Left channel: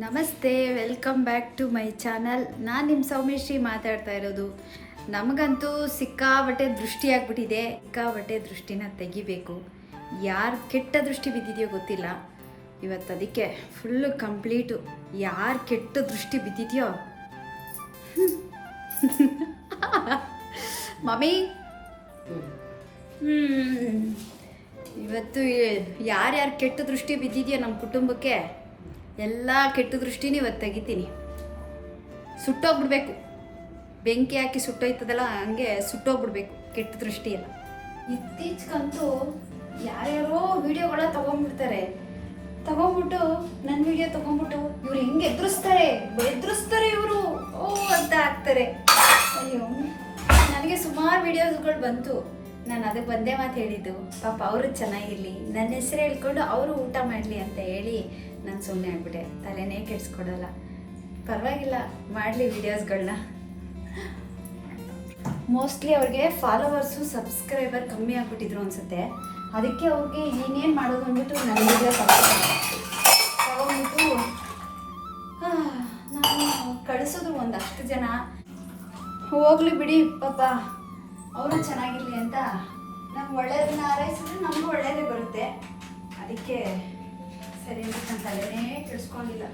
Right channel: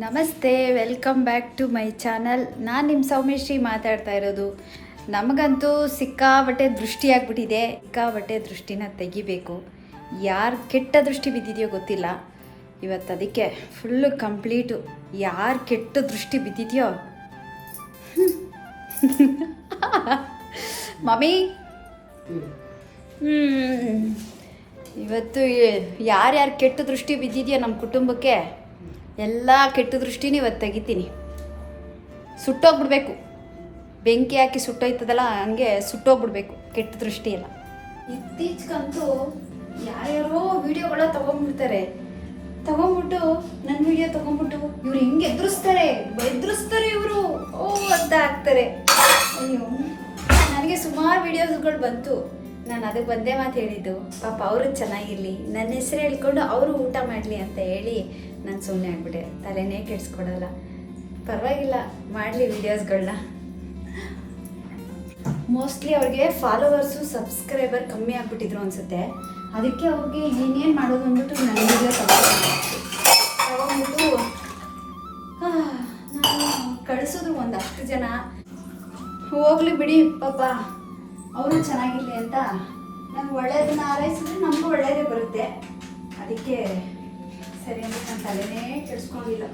ನಮಸ್ತೆ welcome back to my channel ನಾನು ನಿಮ್ಮ ಸೌಮ್ಯಶ್ರೀ ಮಾತಾಡ್ತಾ ಇರೋದು. ನಮಗಂತೂ ಸಿಕ್ಕಾಬಟ್ಟೆ ದೃಷ್ಟಿ ಆಗ್ಬಿಟ್ಟಿದೆ ಸಿಕ್ಕಾಬಟ್ಟೆ ದೃಷ್ಟಿನ ತೆಗಿಬೇಕು. ಯಾರು ಕೆಟ್ಟ ದೃಷ್ಟಿ ಬಿದ್ದಿದೆಯೋ ಗೊತ್ತಿಲ್ಲ. ಇವತ್ತು ಅದಕ್ಕೆ ಫುಲ್ಲು ಕಂಪ್ಲೀಟು ಯಾರು ಕೆಟ್ಟ ದೃಷ್ಟಿ ಬಿದ್ದಿದೆಯೋ? ಮಮ್ಮಿ? ಇವತ್ತು ಯಾರ್ಯಾರು ಕೆಟ್ಟ ದೃಷ್ಟಿ ಬಿದ್ದಿದೆಯೋ ನಮ್ಮ ಕುಟುಂಬಕ್ಕೆ? ಎಲ್ಲ ಕೆಟ್ಟ ದೃಷ್ಟಿನ ಇವತ್ತು ತೆಗಿತೀನಿ. ಸುಟ್ಟೋಗ್ಬಿಡ್ಬೇಕು. ಬೆಂಕಿ ಹಾಕಿ ಸುಟ್ಟೋಯ್ತದಲ್ಲ, ಹಂಗೆ ಸುಟ್ಟೋಗ್ಬಿಡ್ಬೇಕು ಕೆಟ್ಟ ದೃಷ್ಟಿ ಎಲ್ಲ ಇತ್ತೀಚೆಗಂತೂ ಯಾರ್ಯಾರೋ ವಿಡಿಯೋಗಳ ತಗೊಂಡ್ಬಿಡ್ತಾರೆ ತಗೊಂಡ್ಬಿಟ್ಟು ನನ್ನ ವಿಡಿಯೋ ತಗೊಂಡ್ಬಿಟ್ಟು ಇವ್ರು ಹೆಂಗೆ ಎದುರಿಸ್ತಾರೆ? ಎದುರಿಸ್ತಾರೆ ಇವರು. ಓ, ಅಂತ ಆಗ್ತಾರೆ. ಅಯ್ಯೋ, ನನಗೆ ಸುಮಾರು ವಿಡಿಯೋಸ್ಗಳು ಬಂತು. ನಾನು ಅದಕ್ಕೆ ಬಂದೇ ಮಾತು ಹೇಳಿದ್ದು, ಪಾಪ ಅವರು ಚೆನ್ನಾಗಿರಲಿ ನನ್ನ ಹೆಸರು ಹೇಳ್ಕೊಂಡು ಅವರು ಊಟ ಮಾಡಲಿ ಅಂತ ಹೇಳಿ ನಾನು ಸುಮ್ಮನೆ ಆಗ್ಬಿಟ್ಟೆ. ತಲೆನೇ ಕೆಡಿಸ್ಕೊಡಲ್ಲ. ಪರವಾಗಿಲ್ಲ, ಮಾಡಲಿ ವಿಡಿಯೋಸ್ಗಳನ್ನ ಮೋಸ್ಟ್ಲಿ ಅವ್ರಿಗೆ ಫಾಲೋವರ್ಸು ಸಬ್ಸ್ಕ್ರೈಬರ್ ಕಮ್ಮಿ ಆಗ್ಬಿಟ್ಟಿದ್ರು ಅನಿಸುತ್ತೆ. ಅದಕ್ಕೆ ಅವ್ರಿಗೆ ಏನೇನು ಮಾಡೋದು ಅಂದ್ಬಿಟ್ಟು ನನಗೆ ತಗೊಂಡ್ಬಿಟ್ಟು ನಾನು ಕಳಿಸೋದು ಒಂದಷ್ಟು ಜನ. ಹೋಗ್ಲಿ ಬಿಡಿ, ಪಾಪ. ಅವರು ಚೆನ್ನಾಗಿರ್ಲಿ ಅಂತ. ನಮ್ಗೆ ಒಳ್ಳೇದನ್ನ ಆರೈಸಿದ್ರೆ ನಮಗೂ ಒಳ್ಳೇದೇ ಬರುತ್ತೆ. ಅದಕ್ಕೆ ಸರಿ ಅಂತ ನಾನು ತಲೆನೇ ಕೆಡಿಸ್ಕೊಂಡಿಲ್ಲ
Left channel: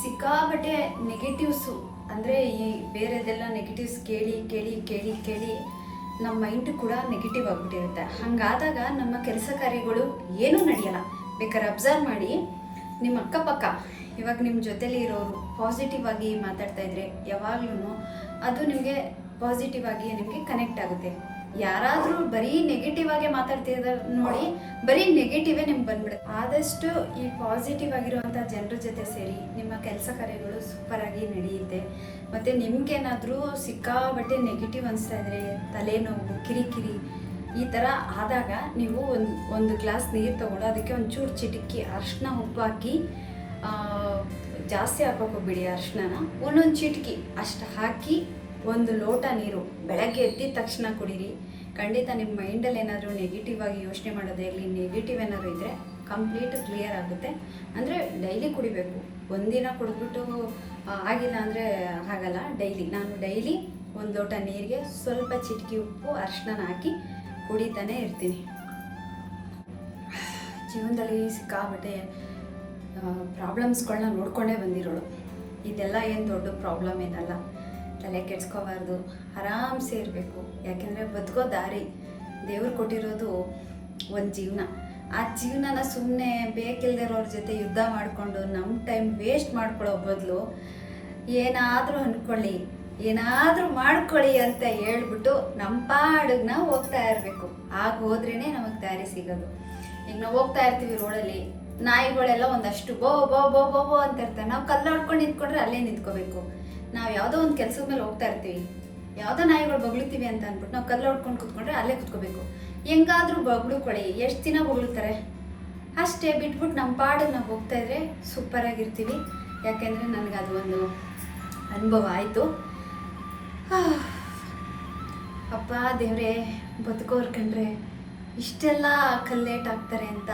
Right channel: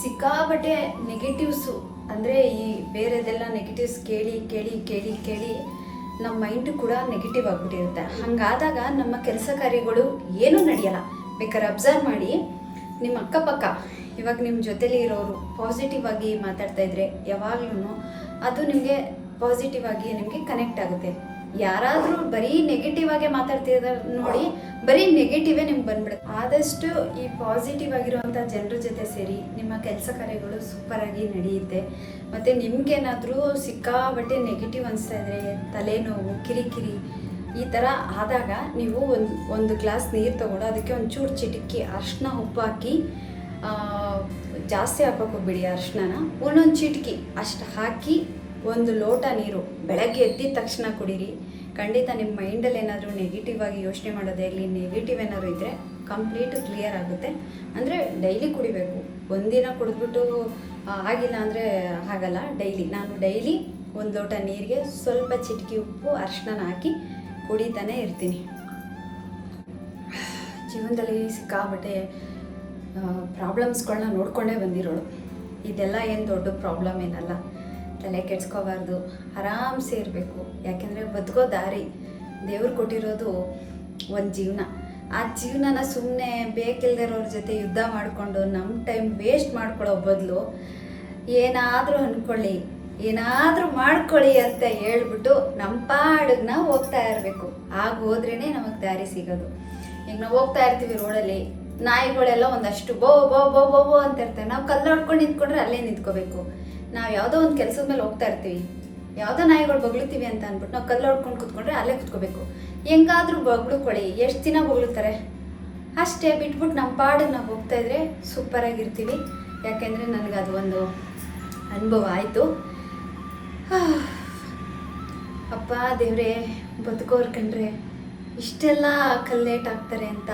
ಸಿಕ್ಕಾಪಟ್ಟೆ ನೆಗೆಟಿವ್ಸು ಅಂದರೆ ಈ ಬೇರೆದೆಲ್ಲ ನೆಗೆಟಿವ್ಸ್ ಕೇಳಿ ಕೇಳಿ ಕೇಳಿ ಕೇಳಿ ನಮ್ಮ ಮೈಂಡ್ ಕೂಡ ನೆಗೆಟಿವ್ ಆಗಿಬಿಟ್ಟಿರುತ್ತೆ. ಹಾಗಾದಾಗ ನಮ್ಮ ಕೆಲಸ ಕಾರ್ಯಗಳು ಏನೂ ನಡೆಯಲ್ಲ. ಬೇಕಾದ್ರೆ ಅಬ್ಸರ್ವ್ ಮಾಡಿ ನಿಮ್ಮ ಅಕ್ಕಪಕ್ಕ, ಇವಾಗ ನಿಮ್ಮ ಜೊತೆಲಿ ಇರೋರು ಪಾಸಿಟಿವ್ ಆಗಿ ಮಾತಾಡ್ತಾ ಇದ್ರೆ ಯಾವಾಗ್ಲೂ ಅದು ನಿಮಗೆ ಪಾಸಿಟಿವ್ ಆಗಿ ನಿಮಗೆ ಕನೆಕ್ಟ್ ಆಗುತ್ತೆ. ಯಾರಾದರೂ ಬರೀ ನೆಗೆಟಿವ್ ಆಗಿ ಮಾತಾಡ್ತಿರೋ ನೋಡಿ, ಬರೀ ನೆಗೆಟಿವೇ ನಿಮ್ಗೆ ಬಂದ್ಬಿಡುತ್ತೆ. ಆದಷ್ಟು ಈ ಪಾಸಿಟಿವ್ ಆಗಿರುವಂಥ ಜನರ ಜೊತೆ ಸೇರಿ ನಿಮ್ಮ ಕೆಲಸ ಕಾರ್ಯಗಳು ಸೂಪರ್ ಆಗಿ ನಡೆಯುತ್ತೆ. ಮತ್ತು ನಿಮ್ಗೇನಾದರೂ ಸಿಕ್ಕಾಬಟ್ಟೆ ನೆಗೆಟಿವ್ ಅನಿಸ್ತಾ ಇದ್ರೆ, ತಲೆನೋವು, ಕಿರಿಕಿರಿ, ಈ ಥರ ಆದಾಗ ನೀವು ಒಂದು ಒಂದು ಗ್ಲಾಸ್ ನೀರು ತಗೊಂಡು ಅದಕ್ಕೆ ಒಂಚೂರು ಚೂರು ಚಿಟಿಕ್ಕಿ ಅರ್ಶಿನ ಉಪ್ಪು ಹಾಕಿ ಜಾಸ್ತಿ ಹಾಕೋಕೆ ಹೋಗ್ಬಿಡಿ ಅರ್ಶಿನ ಒಂದೊಂದು ಚಿಟಿಕಿ ಅಷ್ಟು ಹಾಕಿ ಒಂದು ಲೋಟ ನೀರು ಬೆಳಗ್ಗೆ ಎದ್ದಿದ ತಕ್ಷಣ ಕುಡೀರಿ. ಖಂಡಿತ ನಿಮ್ಮ ಮೈಂಡಲ್ಲಿ ಏನಾದರೂ ನೆಗೆಟಿವ್ ಆಗಿ ಯೋಚನೆ ಮಾಡೋದೇ ಇರಲಿ ನೆಗೆಟಿವ್ ಏನಾದರೂ ಇದ್ದರೆ ಕಂಪ್ಲೀಟ್ ಕ್ಲಿಯರ್ ಆಗುತ್ತೆ. ಅಂದರೆ ಡೈಲಿ ಕುಡಿಬೇಕು. ಒಂದಿನ ಕುಡಿದ್ಬಿಟ್ಟು ಆಗಿಲ್ಲ ಅಂದರೆ ಆಗಲ್ಲ ಡೈಲಿ ನಾನು ಡೈಲಿ ಒಂದು ಲೋಟ ನೀರಿಗೆ ಸ್ವಲ್ಪ ಚಿಟಿಕೆ ಉಪ್ಪು ಅರ್ಶನ ಹಾಕಿ ಕುಡಿತಾನೆ ಇರ್ತೀನಿ. ಜೀವನದಲ್ಲಿ ಸಿಕ್ಕಾಬಟ್ಟೆ ಪ್ರಾಬ್ಲಮ್ಸ್ಗಳನ್ನ ನೋಡ್ಕೊಂಡೇ ಬಂದಿರೋಳು. ಇದೆಲ್ಲ ಏನು ದೊಡ್ಡ ಪ್ರಾಬ್ಲಮ್ ಏನಲ್ಲ. ತಲೆ ಕೆಡ್ಸ್ಕೋಬಾರ್ದು, ಆರಾಮ್ಸೆ ಇರಬೇಕು. ಯಾಕೆಂದರೆ ಬದುಕೋ ದಾರಿ ದೇವ್ರು ಕೊಟ್ಟಿರೋದು ಒಂದು ಜೀವನ. ಆ ಜೀವನನ ಸುಮ್ಮನೆ ಬೇಕಿಲ್ದಿರೋರ ಜೊತೆ ಯುದ್ಧ ಮಾಡಿಕೊಂಡು ನಮ್ಮ ಟೈಮ್ ವೇಸ್ಟ್ ಮಾಡ್ಕೊಳ್ಳೋ ಬದಲು ಏನಾದರೂ ಅಂದ್ಕೊಳ್ಳಿ ಏನಾದರೂ ಮಾಡ್ಕೊಳ್ಳಿ ಅಂತ ಹೇಳ್ಬಿಟ್ಟು ನಮ್ಮ ಪಾಡಿಗೆ ಹೋಗ್ತಾ ಇರಬೇಕು. ಆಗ ಹೋದ್ರೇ ನಮಗೆ ದಾರಿ ಸಿಗೋದು. ಈಗ ನಾವು ಹೋಗ್ತಾ ಇರ್ತೀವಿ ರೋಡಲ್ಲಿ, ನಾಯಿಗಳೆಲ್ಲ ಒಂದಷ್ಟು ಬೋ ಬೋ ಬೋ ಬೋ ಬೋ ಅಂತ ಇರ್ತಾರೆ ನಾವು ಕಲ್ಲು ಹೊಡ್ಕೊಂಡು ನಿಂತ್ಕೊಂಡ್ರೆ ಅಲ್ಲೇ ನಿಂತ್ಕೋಬೇಕು. ನಾವು ಯಾವುದೋ ಒಂದು ಕೆಲಸದ ಮೇಲೆ ಹೋಗ್ತಾ ಇರ್ತೀವಿ. ಯಾವುದೋ ನಾಯಿಗಳು ಬಗ್ಳುತ್ತೀವಿ ಅಂತ ಅಂದ್ಬಿಟ್ಟು ನಾವು ಕಲ್ಲು ಹೊಡ್ಕೊಂಡು ಕೂತ್ಕೊಂಡ್ರೆ ಅಲ್ಲೇ ಕೂತ್ಕೋಬೇಕು. ಹೆಂಗಾದ್ರೂ ಬಗ್ಳುಕೊಳ್ಳಿ, ಎಷ್ಟು ದಿನ ಬಗ್ಳುತ್ತಾರೆ ಅಷ್ಟೇ ಬಿಟ್ಬಿಟ್ಟು ನಮ್ಮ ಪಾಡಿಗೆ ನಾವು ಹೋಗ್ತಾ ಇದ್ರೆ ಸೂಪರಾಗಿರ್ತೀವಿ ಯಾಕೆಂದರೆ ನನಗೆ ಅದು ಒಂದು ಅನುಭವ ಆಯಿತು. ಅಪ್ಪ, ದೇವರೇ, ಬದುಕೋರ್ ಕಂಡ್ರೆ ಇಷ್ಟೆಲ್ಲ ಕಲ್ಲೇಟ್ ಆಗ್ತಾರೆ ಅಂತ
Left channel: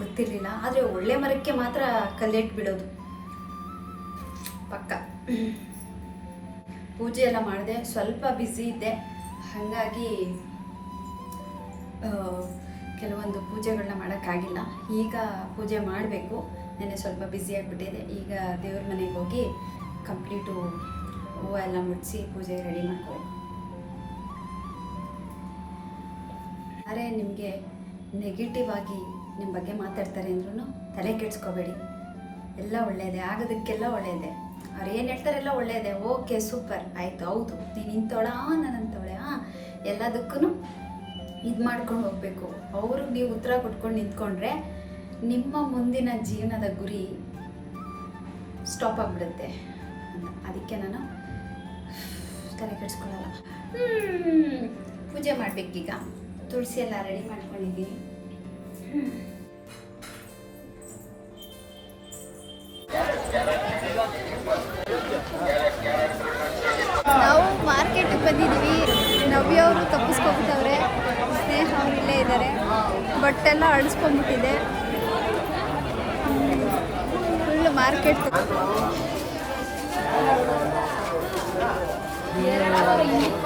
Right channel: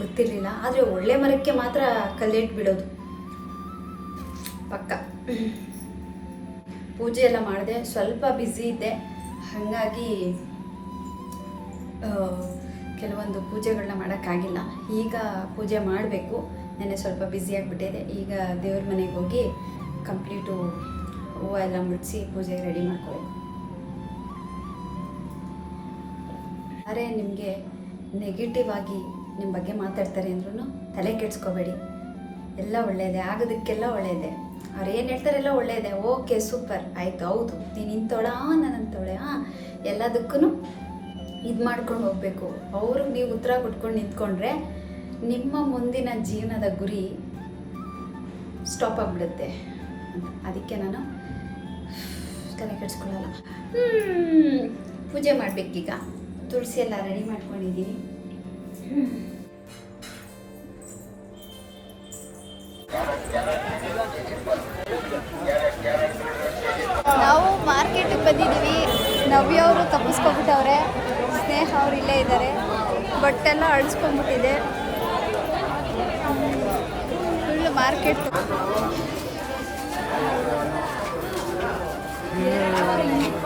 ಗೊತ್ತಿರಲಿಲ್ಲ. ಆದರೆ ಒಳ್ಳೆ ಮರಕ್ಕೆ ಮಾತ್ರ ಕಲ್ಲೇಟ್ ಬಿಡೋದು. ಪಕ್ಕ. ಪೂಜೆ ಎಲ್ಲ ಮಾಡಿದೆ. ಸ್ವಲ್ಪ ಬ್ಯುಸಿ ಇದ್ದೆ. ಹಾಗಾಗಿ ಕೆಲವೊಂದು ಪೂಜೆಗಳನ್ನ ಮಾಡೋಕ್ಕಾಗಿಲ್ಲ. ಈಗ ಪೂಜೆ ಮಾಡಬೇಕು. ನೆನ್ನೆ ಸ್ವಲ್ಪ ಬ್ಯುಸಿ ಆಗಿಬಿಟ್ಟಿದೆ. ಈಗ ದೇವ್ರ ಮನೆಗೆ ಹೋಗಿ ಕಂಪ್ಲೀಟು ಹೂವು ಎಲ್ಲ ಮುಡಿಸಿ ಪೂಜೆ ರೆಡಿ ಮಾಡ್ಕೋಬೇಕು. ಅರೆ ನಿಮಗೆ ನೆಗೆಟಿವ್ ಆಗಿ ನಿಮ್ಮ ಬಗ್ಗೆ ಮಾತಾಡ್ತಾರೆ ಅಂದ್ರೂ ತಲೆ ಕೆಡಿಸ್ಕೋಬೇಡಿ. ಎಲ್ಲ ಒಳ್ಳೆಯದೇ ಆಗೋದಕ್ಕೆಲ್ಲ ಒಳ್ಳೆಯದೇ ಅವ್ರು ಏನು ಹೇಳ್ತಾರೆಲ್ಲ ಒಳ್ಳೆಯದೇ ಓಕೆ, ಸೂಪರ್. ಆಯಿತು, ಹೌದು. ನೀನು ಇಂಥವಳ, ನಾನು ಅಂಥವಳೆ, ಹಾಂ? ಎಲ್ಲದಕ್ಕೂ ಇದು ಮಾಡ್ಕೊಂಡು ಹೋಗಬೇಕು. ಅವ್ರಿಗೆ ನೀವು ಉತ್ತರ ಕೊಟ್ಕೊಂಡು ನಿಂತ್ಕೊಂಡ್ರೆ ನಿಮ್ಮ ಮುಂದಿನ ಜೀವನದ ಗುರಿ ಸ್ಟಾಪ್ ಆಗಿಬಿಡುತ್ತೆ ಅದಕ್ಕೆ ನಾನು ತಲೆ ಕೆಡ್ಸ್ಕೊಳ್ಳಲ್ಲ. ಪೂಜೆ ಮಾಡಬೇಕೀಗ. ತುಳಸಿ ಎಲ್ಲ ರೆಡಿ ಮಾಡ್ಕೊಂಡಿದ್ದೀವಿ ಬಂದಿದ್ದೀವಿ. ನವ್ಯ ಅವರು ತಪ್ಪಿಸ್ಕೊಂಡ್ಬಿಟ್ಟವ್ರೆ ಸ್ನೇಹ ಅವರಿಲ್ಲೇ ಇದ್ದಾರೆ. ಬಟ್ಟೆಲ್ಲ ಅಳಿಸ್ಕೊಂಡ್ಬಿಟ್ಟಿದೆ. ಫುಲ್ ಮಾರ್ಕೆಟ್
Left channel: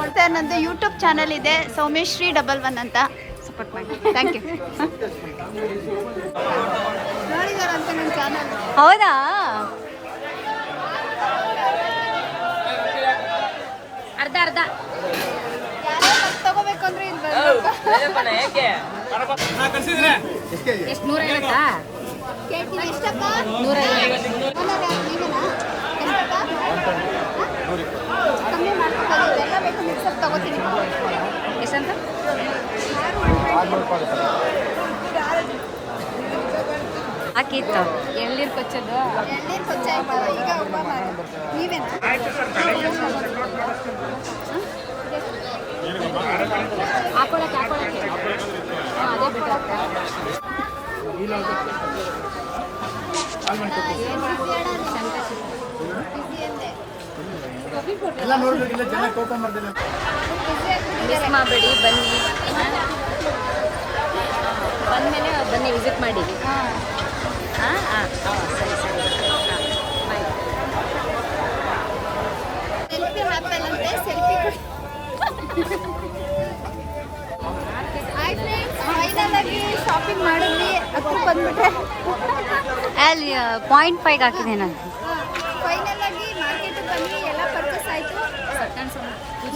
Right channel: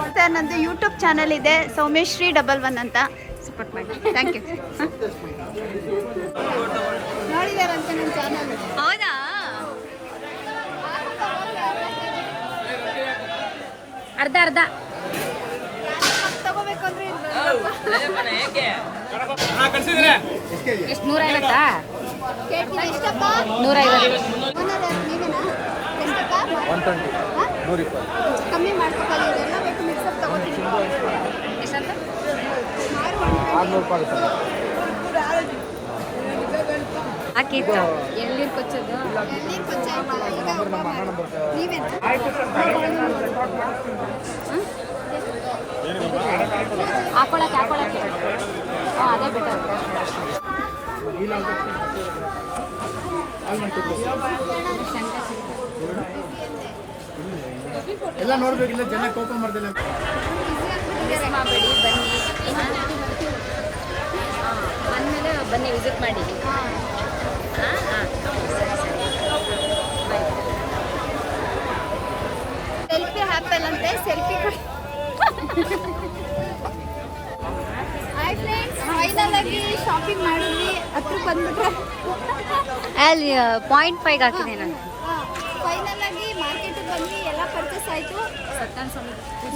ಮತ್ತೆ ನಂದು ಯೂಟ್ಯೂಬ್ ಚಾನಲ್ ಇದೆ. ಸೌಮೇಶ್ರೀ ಡಬಲ್ ಒನ್ ಅಂತ. ಸಪೋರ್ಟ್ ಮಾಡಿ. ಥ್ಯಾಂಕ್ ಯು ನೋಡಿದಾರಂತೆ ನನ್ನ ಚಾನಲ್ ಹೌದಾ? ಅರ್ಧ ಅರ್ಧ. ತಗೋಬೇಕು ಅಂದ್ರೆ ಎಷ್ಟು ನೂರ ಐವತ್ತಾ ನೂರ ಐವತ್ತು ಕಮ್ಮಿ ಮಾಡ್ಕೊಬೋದು ಹಾಕಿತ್ತು ಎಳ್ನೀರು ಕೊಚ್ಚೋದು? ಎಳ್ನೀರು ಕೊಚ್ಚ ಈಗ ಹೂವ ಮಾಡೋದು. ನೀವೇನಾ? ಹಾಕೊಳಕ್ಕೆ ಹಾಕೊಳಕ್ಕೆ. ಹಾಂ ಅದೇ ಬಿಟ್ಟು ಎಲ್ಲ ನೋಡ್ಬೇಕಿಲ್ಲ ಜನ ಕೋಪ ಮಾಡ್ದಿಲ್ಲ ಮಾಡಬೇಡಿ ಬನ್ನಿ. ಬಂದಮೇಲೆ ಬನ್ನಿ ವಿಸಿಟ್ ಮಾಡಿ. ಹಾಂ ಹಾಂ ಸರಿ ಸರಿ ಬಾಯ್ ಸೆಲ್ಫಿ ಹಾಕಲ್ಲ ಅಂದ್ರೆ ಸೆಲ್ಫಿ ಹಾಯ್ ಫ್ರೆಂಡ್ಸ್ ಫೈನಲ್ ಆಗಿ ಶಾಪಿಂಗ್ ಮಾಡಿದ್ವಿ. ಹತ್ರ ಬಂದ್ಬಿಟ್ರೆ. ಅಲ್ಲಿ ಪಾಯಿಂಟ್ ಫೈವ್ ಹಾಕಿದೆ ನಾನು. ಫೈನಲ್ ಆಗಿ ಮಾರ್ಕೆಟಿಗೆ ಬಂದ್ವಿ. ಎಲ್ಲ ಪರ್ಚೇಸ್ ಆಯಿತು.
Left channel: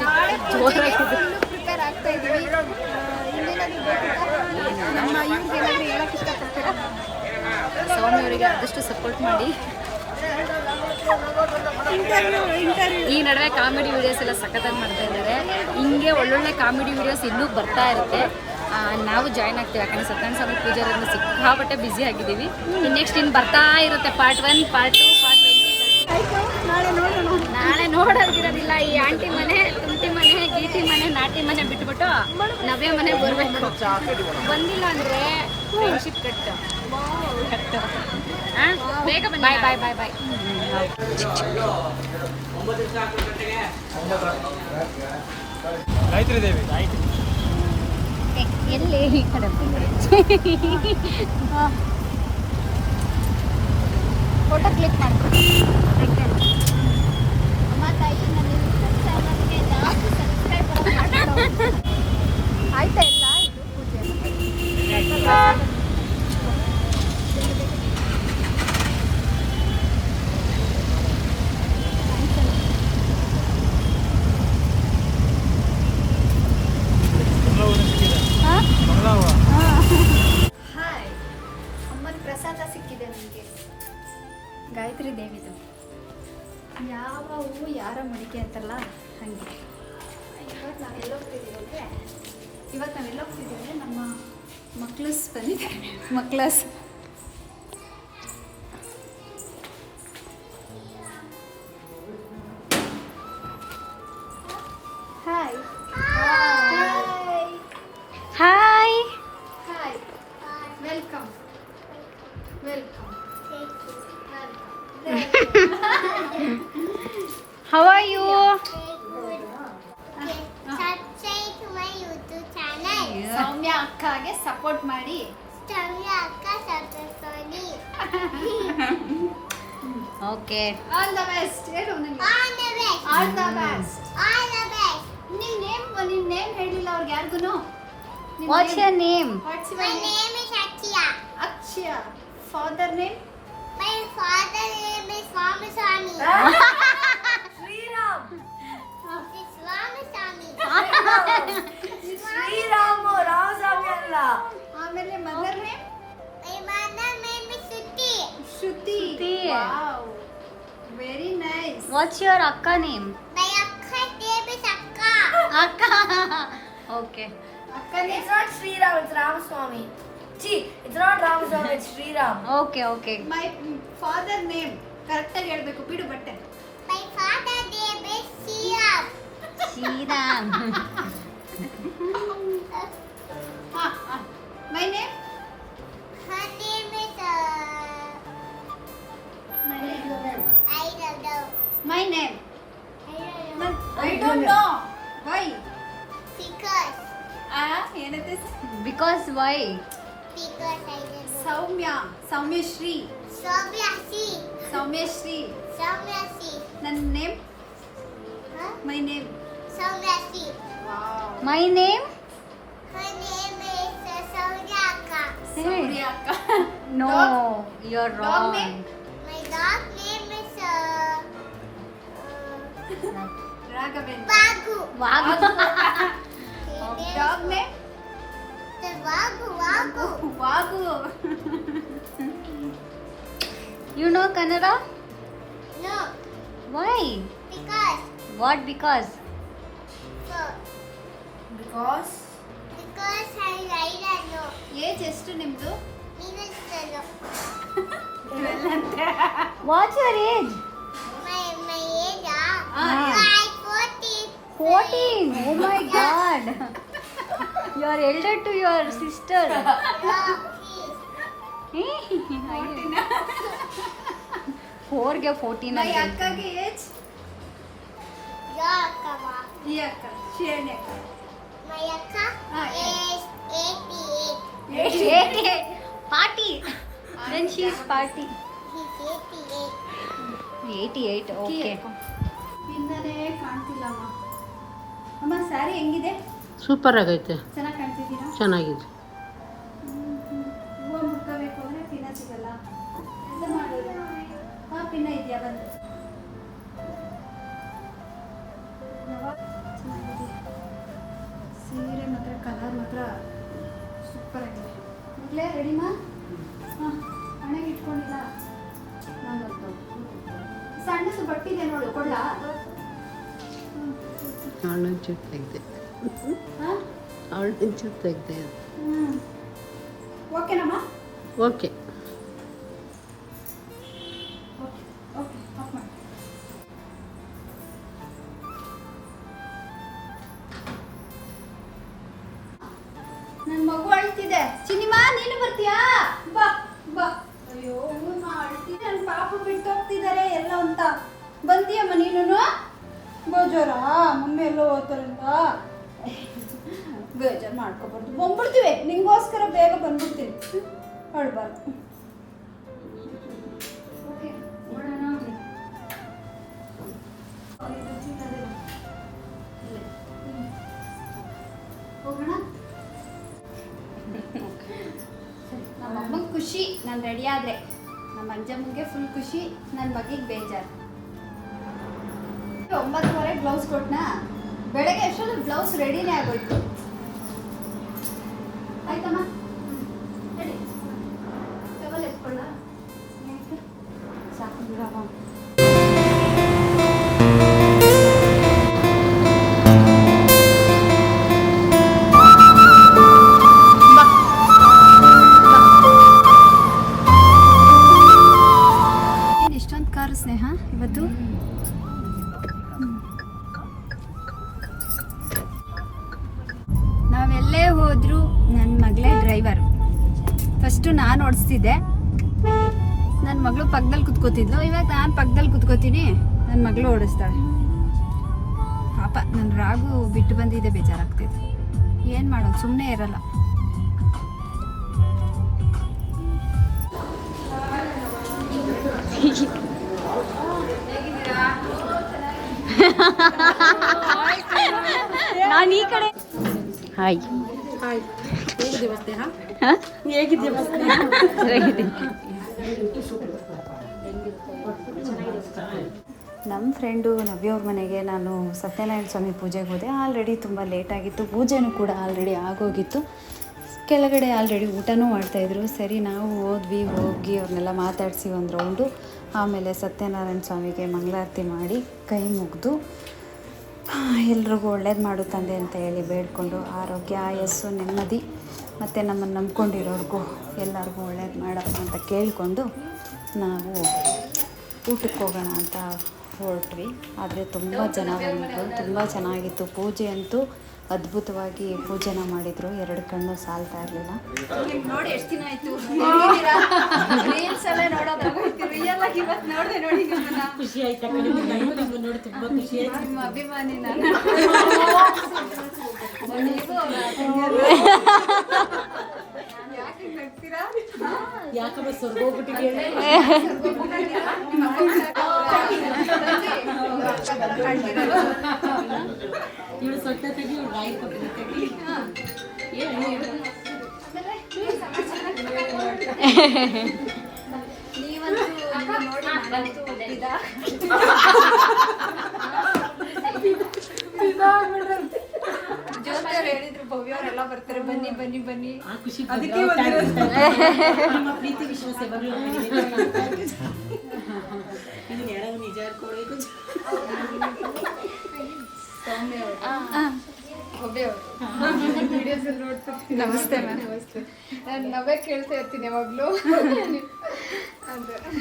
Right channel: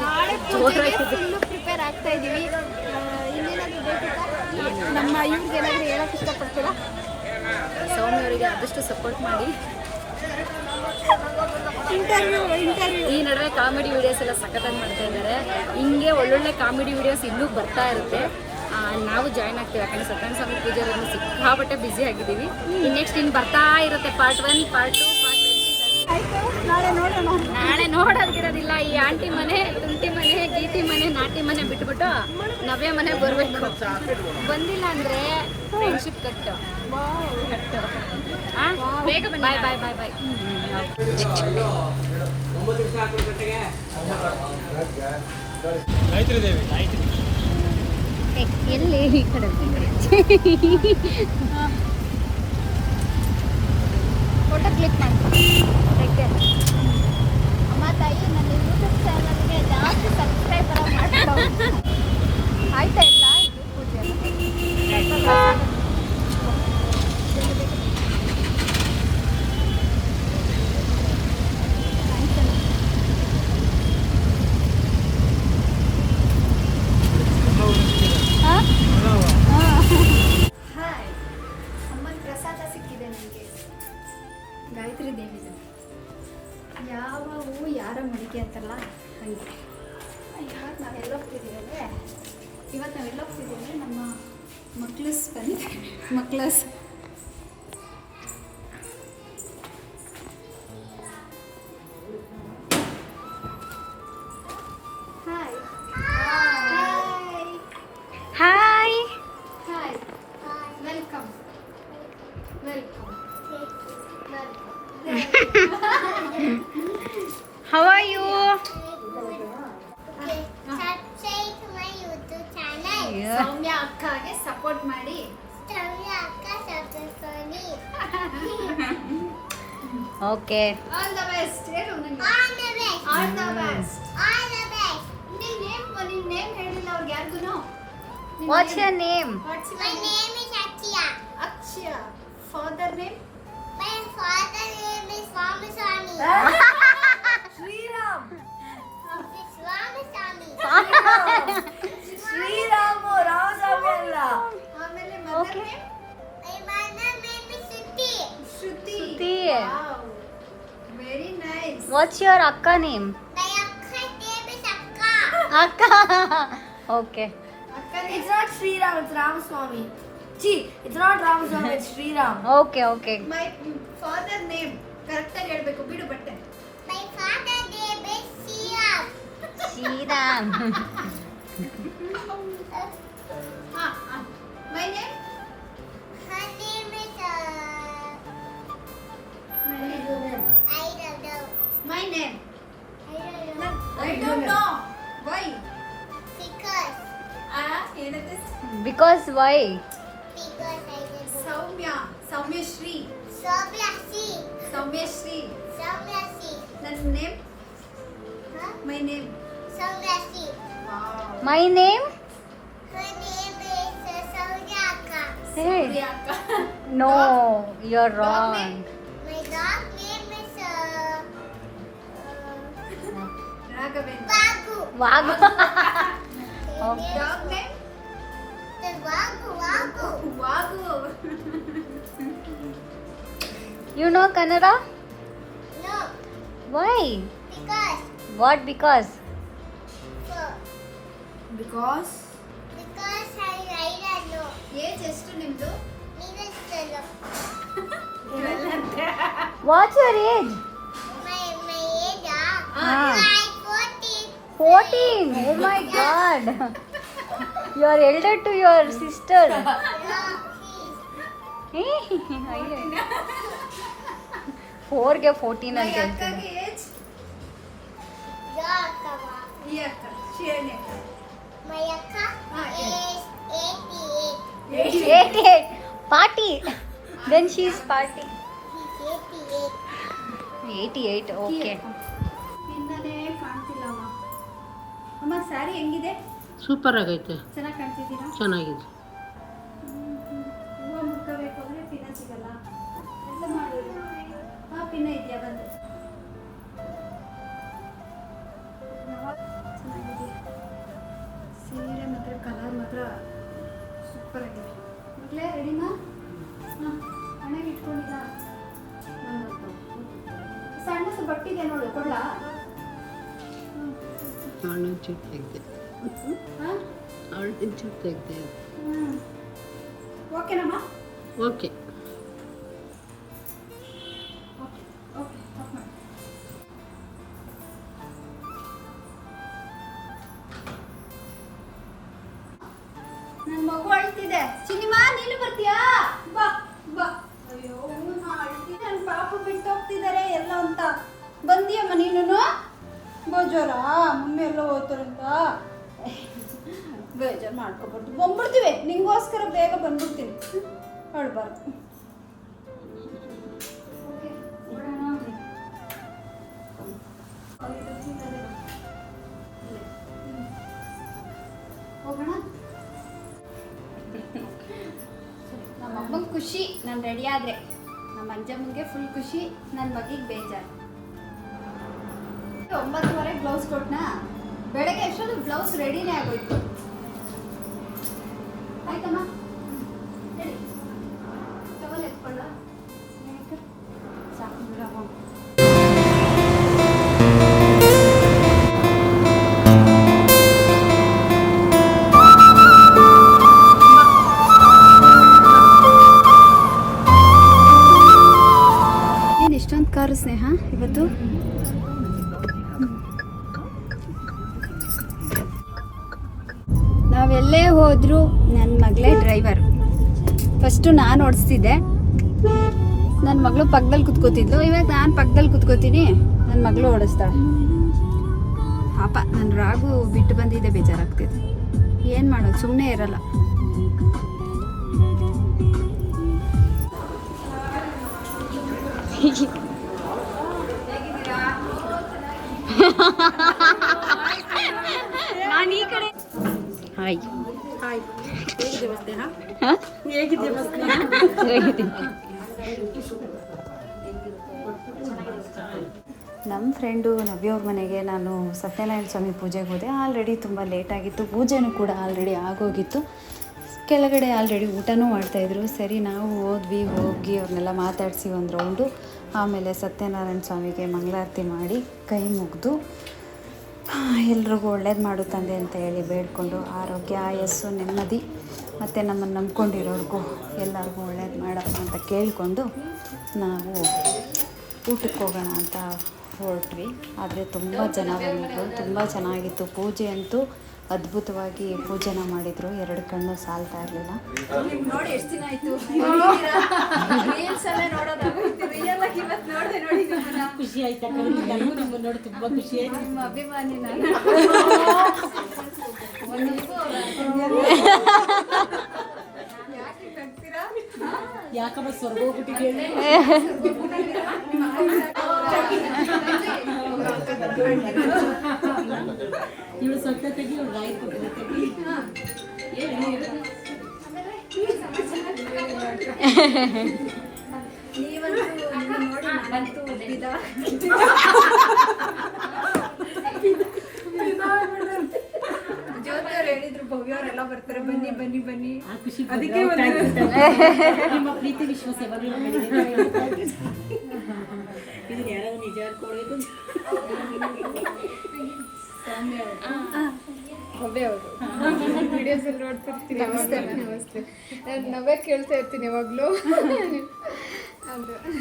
ನಾಳೆ ಪೂಜೆಗೆ ಫುಲ್ಲು ಪ್ರಿಪೇರ್ ಆಗ್ತಾ ಇದ್ದೀವಿ ಇನ್ನೇನಾದ್ರೂ ಬೇಕಿತ್ತಾ? ನಮ್ಮ ಇವ್ರಿಗೆ ಏನಾದರೂ ಹೇಳಕ್ಕೆ ಇಷ್ಟಪಡ್ತೀರಾ? ಸೌಮ್ಯವರಿಗೆ ಆದಷ್ಟು ಸಪೋರ್ಟ್ ಮಾಡಿ. ಈ ನಡುವೆ ಕಾಮಿಡಿ ವಿಡಿಯೋಸ್ ಎಲ್ಲ ಸಖತ್ತಾಗಿ ಮಾಡ್ತಾ ಇದ್ದಾರೆ. ಹಿಂಗೆ ಒಳ್ಳೊಳ್ಳೆ ಕಾಮಿಡಿ ವಿಡಿಯೋಸ್ ಇನ್ನೂ ಬರ್ತಾ ಇರುತ್ತೆ. ನಾವು ಜಾಯ್ನ್ ಆಗ್ತೀವಿ. ಯಾಕಂದ್ರೆ ಸತ್ಯನಾರಾಯಣ ಸ್ವಾಮಿ ಪೂಜಾರನ್ನ ಸಿಕ್ಕಾಪಟ್ಟೆ ಬ್ಯುಸಿ ಆಗಿದ್ದೀವಿ. ನೆಕ್ಸ್ಟ್ ಇನ್ನು ಬರ್ತಾ ಇರುತ್ತೆ. ಪಾರ್ಟ್ ಒನ್ ಪಾರ್ಟ್ ಟು ನಾಳೆ ನೋಡೋಣ. ನಾಳೆ ನೋಡೋದಿರೋದಿಲ್ಲ. ಈ ಆಂಟಿ ಮನೆ ತುಂಟಿ ಮನೆ ಗೀಟಿ ಮನೆ ನಾಟಿ ಮನೆ ಬಿಟ್ಬಿಟ್ಟು ನವ್ಯ ಮನೆಗೆ ಬರಬೇಕು. ಬಂದಿಲ್ಲ ಅಂದ್ರೆ ದೇವಿ ಫೋಟೋ ಕ್ಲಿಕ್ ಮಾಡಿ ಅಮ್ಮ ತಾಯಿ ನನ್ನ ಯೂಟ್ಯೂಬ್ ಚಾನಲ್ಗೆ ಜಾಸ್ತಿ ಸಬ್ಸ್ಕ್ರೈಬರ್ ಮಾಡ್ಕೊಡು ಆಯ್ತಾ ಇಲ್ಲ ಇದು ಪೂಜೆ ಹಾಂ ಹಾಯ್ ಅಮ್ಮನ ಪ್ರಸಾದ ಸಿಕ್ಕಿದೆ ನನಗೆ ಗಾಯತ್ರಿ ದೇವಿದು. ಯಾವ ಹೂವು ಯಾರ ಮಡಿಕೆ ಅಂತಲ್ಲ? ಹಾಗೆ. ಮಕ್ಳಸ್ ಬಂದಿದ್ದಾರೆ ಮಕ್ಳಸ್ hi hi hi hi welcome welcome how are you channel. Soumya ಅಕ್ಕಗೆ support ಮಾಡಿ Stamina Akka Satasoni. Okay all the best ಹೇಳು ನನಗೆ All the best. All the best All the best. ನಿನ್ ನೇಮ್ ನಿನ್ ನೇಮ್ ಹೇಳಿಲ್ಲ ಅವ್ರಿಗೆ ಯಾರಿಗೂ what's your name what's My name is Akshya. Akshaya father name My father name is Swami Swami. Nice what's your ಅಕ್ಕ name My Akka name is Akka. ಅಕ್ಕ okay ಅಕ್ಕ It's not Sriram, it's Ramaswamy. See, it's not Ramaswamy, it's Sriram. Okay okay my father name ಕರೆಕ್ಟಾಗಿ ಹೇಳ್ಬೇಕು ಬಿಡು ಬಟ್ಟೆ My father name is Siam. Shriram ಹಾ ಮೈ My name I don't know. I don't know why Because ಆ ಏನಂತೆ because why Soumya Soumyashri Sobyasi. Soumyashri Sobyasi. ನನ್ನ name Huh? My name Sobyasi. My name Her name is uh, Soryaka. No you are Dog wrong My uh, Raghavendra Vagu. Vagu Her name dog name is Vagu. Vagu. Vagu you know Kannada No, why because what because so because because I I don't know. Age ಎಷ್ಟು ನಿಮ್ದು Even still, what's your age Fourteen oh my god you are elder to your sister ಫೋರ್ಗೆ fourteen ಮೈ ಅಂತ ಅಕ್ಕಗೆ age Yakava. ಈ ಅಕ್ಕ ಶಿರಣಿ ಅಕ್ಕ My akka Ah, is eighty-eight. Party then she is party He's eighty-eight. Eighty eight okay ಹಿಂದನೇ ಕಾಣ್ತಿಲ್ಲ ಅಮ್ಮ. ಅಮ್ಮ ಸ್ಯಾರಿ ಹೆಂಗಿದೆ? Super ಆಗೈತೆ. ಚೆನ್ನಾಗಿ ಕಾಣ್ತಿದ್ದೀರಾ? ಚೆನ್ನಾಗಿದೆ. ಹೂವು ಮುಟ್ಕೋಬೇಕು ಅಂದರೆ ಪಿನ್ನ ಸಿಗಲ್ಲ ಎಲ್ಲ ಮಾಡೋದು? ಹಾಂ ಪಿನ್ನ ಇದೆಯಾ ಬಂದು? ಚೂಪ್ ತೆಗ್ದೆ ಹಾಂ? ಅವಳು ಹ್ಞೂ ಓಕೆನಮ್ಮ ಓಕೆ ನನ್ನ ಮಗು ಅಳ್ತಿದೆ. ಚಿನಿಮಾ ನೀನು ಬರ್ತೀಯಾ? ಬಾ ಬಾ. ಅಯ್ಯೋ ನನ್ನ ಪಾಪ ಬಿಟ್ಟು ಹೋಗ್ತಿದ್ದಾರೆ ಎಲ್ಲ ಅಂತ. ಬಂದಿಯಮ್ಮ ನೀನು ಬೇಜಾರ ಮಮ್ಮಿ ಎಲ್ಲೋ ಓದ್ತಾರಂತ ಬೇಜಾರು ಮಾಡ್ಕೊಬಾರ್ದು. ಬಂದ್ಬಿಡ್ತೀವಿ. ನಿಂಗೋಸ್ಕರ ಬೇಗ ಬಂದ್ಬಿಡ್ತೀನಿ. ಹೊಡ್ಬಾರ್ದು ನಮ್ಮ ಖುಷಿ. ನಾನು ರೆಡಿ ಆದರೆ. ನಮ್ಮ ಅಂಜಮ್ಮಂಗೆ ಫುಲ್ ಖುಷಿ. ನನ್ನ ಮಗಿಗೆ ಬೇಜಾರು. ಒಂಬತ್ತುವರೆ ಬ್ಲೌಸ್ ಕೊಟ್ಟನಾ ಬೆಳಗ್ಗೆ ಎಷ್ಟೊಂದು ಬ್ಲೌಸ್ ರೆಡಿನೇ ಆಗೋಯ್ತು? ಆಯ್ತಮ್ಮ? ಹೋದರೂ ನನ್ನ ಮಗಳೇ ಡ್ರೈವರ್ ಫಸ್ಟು ನಾನು ಓಡಿಸ್ತಿದ್ದೆ. ನನ್ನ ಮಗಳು ಪಕ್ಕದಲ್ಲಿ ಕುತ್ಕೋತಿದ್ಲು. ಇವಾಗ ನಾನು ಪಕ್ಕದಲ್ಲಿ ಕುತ್ಕೋತೀನಿ. ನನ್ನ ಮಗಳು ಓಡಿಸ್ತಾಳೆ. ಪಾಪ ನನ್ನ ರಾಗು ಬಿಟ್ಟು ಬಂದಿದ್ದೆ ಬೇಜಾರಾಗ್ತಿದೆ. ಏನು ಮಾಡೋದು? ಸುಮ್ಮನೆ ಇರಲ್ಲ. ನಾನು ಈ ಕಡೆ ಹಾಯ್ ಹಾಯ್ ನಮ್ಮ ಫ್ರೆಂಡು ನವ್ಯವ್ರ ಮನೆಗೆ ನಾನು ಸತ್ಯನಾರಾಯಣ ಸ್ವಾಮಿ ಪೂಜೆಗೆ ಹೋದೆ. ಆಲ್ರೆಡಿ ತುಂಬ ಲೇಟಾಗಿತ್ತು ಪೂಜೆನೂ ಕೂಡ ಆಲ್ರೆಡಿ ಆಗೋಗಿತ್ತು. ಕೆಳಗಡೆ ಆಲ್ರೆಡಿ ಊಟನೂ ಮಾಡ್ತಾಯಿದ್ರು ಸರಿ ನಾವು ಹೋದ್ವಿ ಹೋಗಿ ಅವ್ರನ್ನೆಲ್ಲ ಮಾತಾಡಿಸಿ ಒಂದು ರೌಂಡು ಆಮೇಲೆ ಸತ್ಯನಾರಾಯಣ ಸ್ವಾಮಿಗೆ ಮಂಗಳಾರತಿ ಮಾಡಿ ಕೈ ಮುಗಿದು ಎಲ್ರಿಗೂ ಒಳ್ಳೇದು ಮಾಡು ತಂದೆ ಅಂತ ಹೇಳಿ ಬೇಡ್ಕೊಂಡು ಆರೋಗ್ಯ, ಆಯಸ್ಸು, ನೆಮ್ಮದಿ ಮತ್ತು ನಮ್ಮನ್ನು ನಂಬ್ಕೊಂಡಿರೋರ್ಗೂ ಎಲ್ಲರಿಗೂ ಒಳ್ಳೇದು ಮಾಡಪ್ಪ ಅಂತ ಕೇಳಿಕೊಂಡು ನಾವು ಊಟಕ್ಕೆ ಹೋಗೋಣ ಅಂತ ಹೊರಟ್ವಿ. ಆದರೆ ತುಂಬ ಜನ ಬಂದಿದ್ರು ತುಂಬ ಚೆನ್ನಾಗಿತ್ತು. ಪೂಜೆ ಅಂತೂ ಅದ್ಭುತವಾಗಿ ಪೂಜೆನ ಮಾಡಿದರು. ಎರಡು ಕಣ್ಣು ಸಾಲ್ತಾ ಇರಲಿಲ್ಲ. ನೋಡಿ ಎಷ್ಟು ದಿನ ಆಯ್ತು. ರೀಲ್ಸ್ ಎಲ್ಲ ನೋಡೋದಾಗೋಯ್ತು ರಿಯಲ್ ಆಗಿ ಇವತ್ತು ನೋಡಿದೆ ನೋಡಿ ನಿಮ್ಮನ್ನ. ಖುಷಿ ಆಯ್ತಾ ನೋಡಿ ತುಂಬಾ ಖುಷಿ ಆಯ್ತು. ಅಭಿಮಾನಿ ನಾನು. ಯಾಕೆ ಸ್ವರ್ಗ ಯಾಕಮ್ಮ ಸ್ವರ್ಗೋಗ್ಬಿಟ್ಟಿದ್ಯಾ ಇವಳು ಸೊಟ್ಟ ತೆಗಿ ಇವಳು ಬಾಯಿ ಕೊಟ್ಟಿಲ್ಲ ತೆಗಿ? ನೀವಂತೂ ಹೇಳಿದ್ರು ಭವ್ಯ ಅವರೆಲ್ಲ ಬರ್ತಾರೆ ಬನ್ನಿ ಬನ್ನಿ ಬನ್ನಿ. ಆ ಖುಷಿ ಅದಕ್ಕೆ ನಿಮ್ಮ ಪ್ರೀತಿ ವಿಶ್ವಾಸ ಯಾವಾಗಲೂ ನಮ್ಮಲ್ಲಿದೆ. ಇದನ್ನ ಯಾರಾದ್ರೂ ನಿಜ ಹೇಳ್ಕೊಡ್ಬೇಕು ನೋಡ್ತಿರ್ತೀನಿ. ನಮಸ್ತೆ. ನಮಸ್ತೆ. ನಾನು ನವೇ ಕೇಳ್ತಾ ಇರ್ತೀನಿ ಯಾವಾಗಲೂ.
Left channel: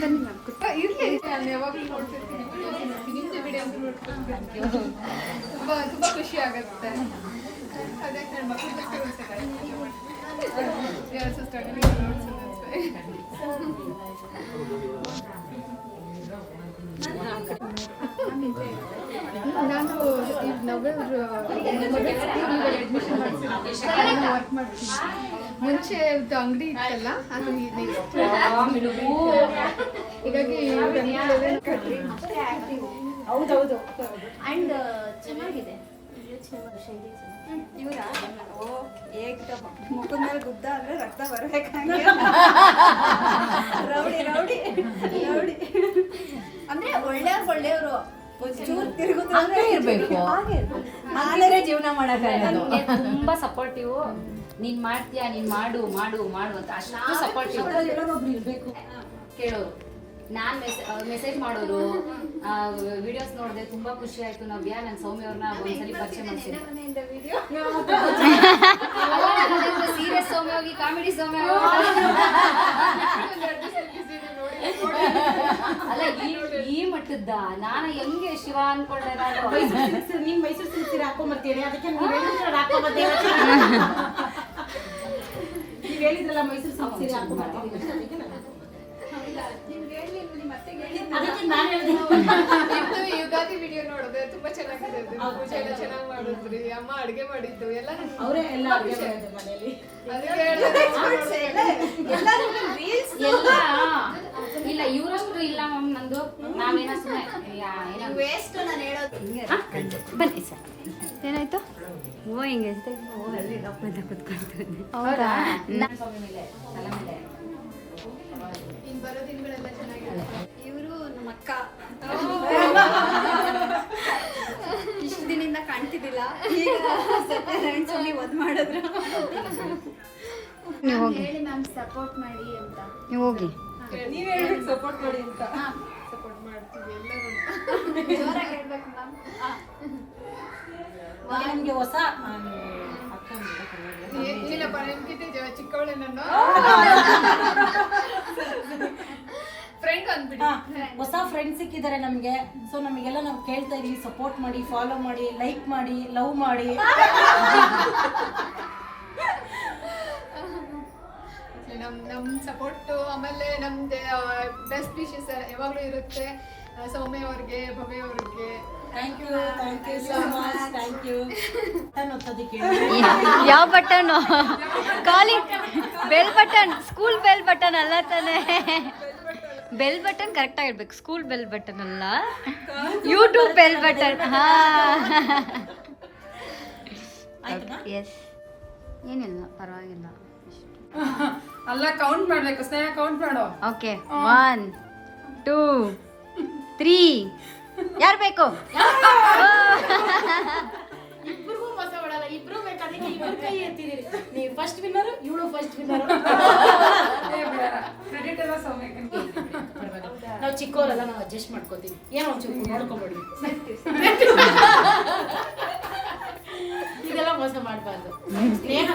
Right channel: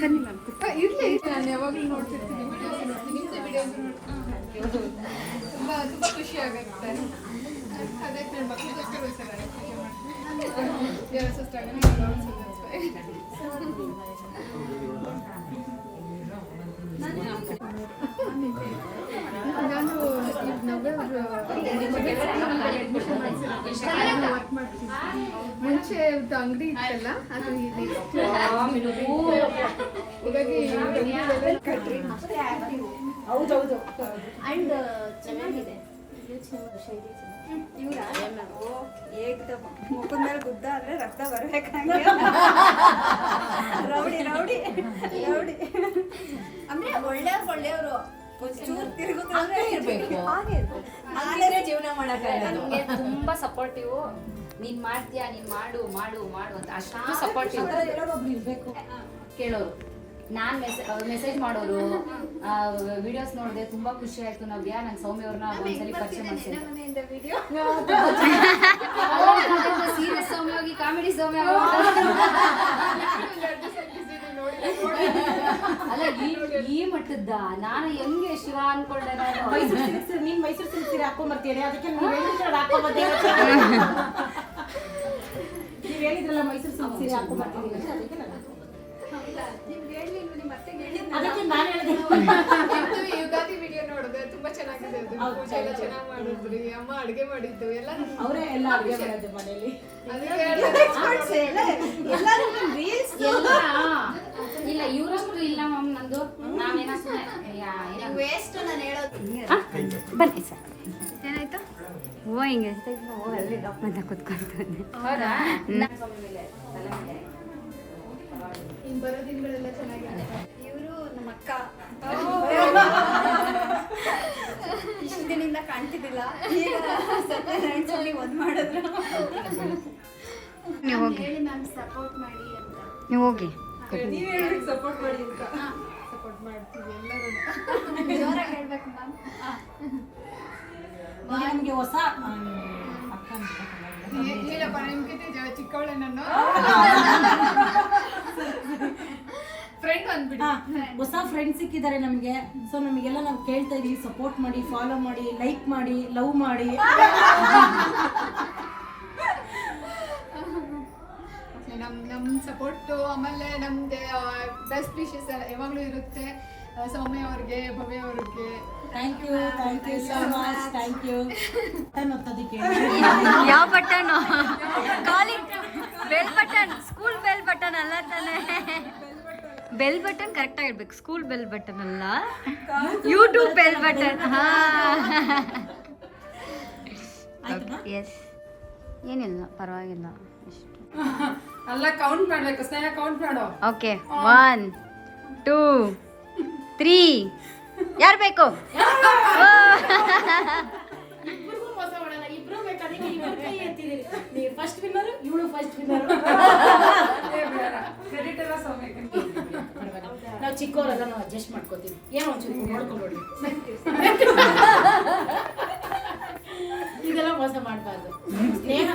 ಬನ್ನಿ ಮ್ಯಾಮ್ ಇರಲಿ. ನಾನು ಯಾವಾಗಲೂ ನೋಡ್ತಿರ್ತೀನಿ ನಿಮ್ಮದು ವಿಡಿಯೋಸ್ ನೋಡ್ಕೊಂಡು ತುಂಬ ತುಂಬ ಖುಷಿ ಆಗುತ್ತೆ. ನಾನು ಈಗ ನವೆಂಬರ್ ಅಡ್ಮಿಷನ್ ವರ್ಕ್ ಮಾಡ್ತೀನಿ ಮುಂಚೆ ಅಂಗಡಿ ಇತ್ತಲ್ಲ ಹೀಗಾಗಿ ಹೌದೌದು ಅಂಡ್ ಚೆನ್ನಾಗಿದೆ. ಶೈಲಿ ಮುಖದ ಮೇಲೆ ಗುದ್ದ ಅಂದ್ರೆ ರಕ್ತ ಬರ್ಬೇಕಂಗೆ ರೌಡಿ ರೌಡಿ ರೌಡಿ ಅಂದ್ರೆ ಒಳ್ಳೆಯವ್ರು ಒಳ್ಳೆಯವರು. ಜೀವನ ನನಗೆ ತುಂಬಾ ಸಪೋರ್ಟಿವ್ ನೀನ್ ಮಾಡ್ತೀಯಾ ನೀನ್ ಮಾಡು ಮಾಡು ಮಾಡು ಅಂತ ಅಷ್ಟು ಸಪೋರ್ಟಿವ್ ಕೇಳೋರು. ನಾನ್ ಮೆಸೇಜ್ ಮಾಡೋರು ವಿಡಿಯೋಸ್ ನೋಡಿದೆ ತುಂಬಾ ಖುಷಿ ಆಯ್ತು ನವ್ಯ ನನ್ನ ಸೌಮ್ಯ ಅವ್ರನ್ನ ಒಂದ್ಸಲಿ ಪರಿಚಯ ಮಾಡ್ತೀನಿ ಮನೆಯಿಂದ ವಿಡಿಯೋ ಸೀರಿಯಸ್ ಸೌಮ್ಯ ಹೋಗಿ ಕಾಮಿಡಿ ಸೌಮ್ಯ ಅಲ್ಲ ಈ ಈ ಮಟ್ಟದ ನಾನು ಹೆಂಗೆ ಶಿವ ಅನ್ಕೊಂಡೆ ನಾನು? ಮೈಸೂರು ಸಿಲ್ಸಿರಿ ಸೀರೆ ಹಾಕೊಂಬರ್ತೀರಿ ಅದಕ್ಕೆ ನೀವು ಹೇಳಿದ್ರಲ್ಲ ಮೈಸೂರು ಸಿಲ್ಕ್ ಸೀರೆ ಹಾಕೊಂಬರ್ತೀರಿ ಅದಕ್ಕೆ ಅದಕ್ಕೆ ನಾನು ಹೇಳಿದೆ. ಯುಗಾದಿ ವಿಡಿಯೋ ನೋಡಿದೆ ತುಂಬಾ ಚೆನ್ನಾಗಿದೆ ಅದು. ಪೂಜೆ ಎಲ್ಲ ಚೆನ್ನಾಗಿ ಮಾಡಿದ್ರಿ. ಅಮ್ಮ ಅಡುಗೆ ಮಾಡಿದ್ದು. ಎಲ್ಲ ಅವರೇ ಎಲ್ಲ ಅಡುಗೆ ಮಾಡೋದು ಮನೆಯಲ್ಲಿ. ಎಲ್ಲ. ಇಲ್ಲ ಇವರಷ್ಟು ಇಲ್ಲ ಮ್ಯಾಮ್ ನಂದು. ನಾವೇನೋ ವೇಸ್ಟ್ ನಾನು ಹೇಳೋದು. ಬನ್ನಿ ಸರ್. ಏನಾಯ್ತು? ಓ ಹಿಂಗೆ ಓ ಅಲ್ಲಿ ಡಾಪ್ ಅಂತ ಕುತ್ಕೊಂತಾನೆ ಹೌದಾ? ಇನ್ ಬರೋ ದಿನಗಳೆಲ್ಲ ಚೆನ್ನಾಗಿರುತ್ತೆ. ಅಕ್ಕ ಇಷ್ಟು ದಿನದಿಂದ ಕಾಣ್ತಿದ್ದಿಲ್ಲ. ಒಂದ್ ಮಾಡಿದ್ರು. ನೀವು ಹೋಗಿ. ಹೇಳಿ ಮ್ಯಾಮ್ ಸಪೋರ್ಟ್ ಮಾಡಿ ಅಂತ. ನೀವು ಹೋಗಿ. ಸಪೋರ್ಟ್ ಮಾಡ್ತೀವಿ ಎಲ್ಲರೂ. ಜೋರಾಗಿ ಹೇಳ್ಬೇಕು ಮ್ಯಾಮ್ ಈಗ ನಮಗೆ ಹೊಸ. ಇಲ್ಲಪ್ಪ ನಿಮ್ಗಿಂತ ಚಿಕ್ಕವಳೆ ನಾನು ಹಾ, ಹೊಸ ಫ್ರೆಂಡ್ಸ್ ಸಿಕ್ಕಿದ್ದಾರೆ ನಮಗೆ. ಸೊ ನಮಗೆಲ್ಲ ನಾವು ಕೇಳ್ತಾ ಇದೀವಿ. ಸಪೋರ್ಟ್ ಮಾಡಿ ಫಾಲೋ ಮಾಡಿ ಲೈಕ್ ಮಾಡಿ ಲವ್ ಮಾಡಿ. ನಮ್ ನಮ್ ಸಪೋರ್ಟ್ ಆಮೇಲೆ ನಮ್ದು ಬೆಸ್ಟ್ ವಿಶಸ್ ಯಾವಾಗಲೂ ಇರುತ್ತೆ. ಆ, ಸೌಮ್ಯ ಅವ್ರಿಗೆ ಭವ್ಯ ಅವ್ರಿಗೆ. Thank you thank you so much thank you ಒತ್ತೋದಕ್ಕೆ ಯಾವ button calling bell button school bell button ಅಲ್ಲ ತಾನೆ. ಬೆಲ್ ಬಟನ್ ಕರೆಕ್ಟ್ ಆಗಿರ್ಬೇಕು ಸ್ಕೂಲ್ ಬೆಲ್ ಬಟನ್ ಅಲ್ಲ? ಯೂಟ್ಯೂಬ್ ಬೆಲ್ ಬಟನ್ ಹಾ. ಎಸ್ ಏನಿಲ್ಲ ಪರವಾಗಿಲ್ಲ. ಅಲ್ಲ ಕೌಂಟ್ ಮಾಡಬೇಕು. ಸ್ನೇಹ ಕೌಂಟ್ ಮಾಡೋ. ಓಕೆ ಒನ್ ಟೂ ತ್ರೀ ಯಾರು ಬೇಕು? ಇಬ್ರಿಗೂ ಮೋಸ ಮಾಡಲ್ಲ. ಇಬ್ರು ಬೇಕಾದ್ರೆ ಇಬ್ರು ಕೈ ಎತ್ತಿದ್ದೀರಿ. ನೀವು ಫಸ್ಟ್ ವಿನ್ನರ್ ಇವಳು ಫಸ್ಟ್ ವಿನ್ನರ್ ಕ್ರೆಡಿಟ್ ಎಲ್ಲ ಸೌಮ್ಯಕ್ಕೆ. ನಾವು ಚಿಕ್ಕವರೆಲ್ಲ ನಾವು ಅಡ್ಜಸ್ಟ್ ಮಾಡ್ಕೋತೀವಿ. ಏನೋ ಒಂಚೂರು ನೋಡ್ಕೊಂಬಿಡಿ ಇದೆಲ್ಲ ಮೋಸ ಮಾಡಬಾರ್ದು. ಸ್ನೇಹ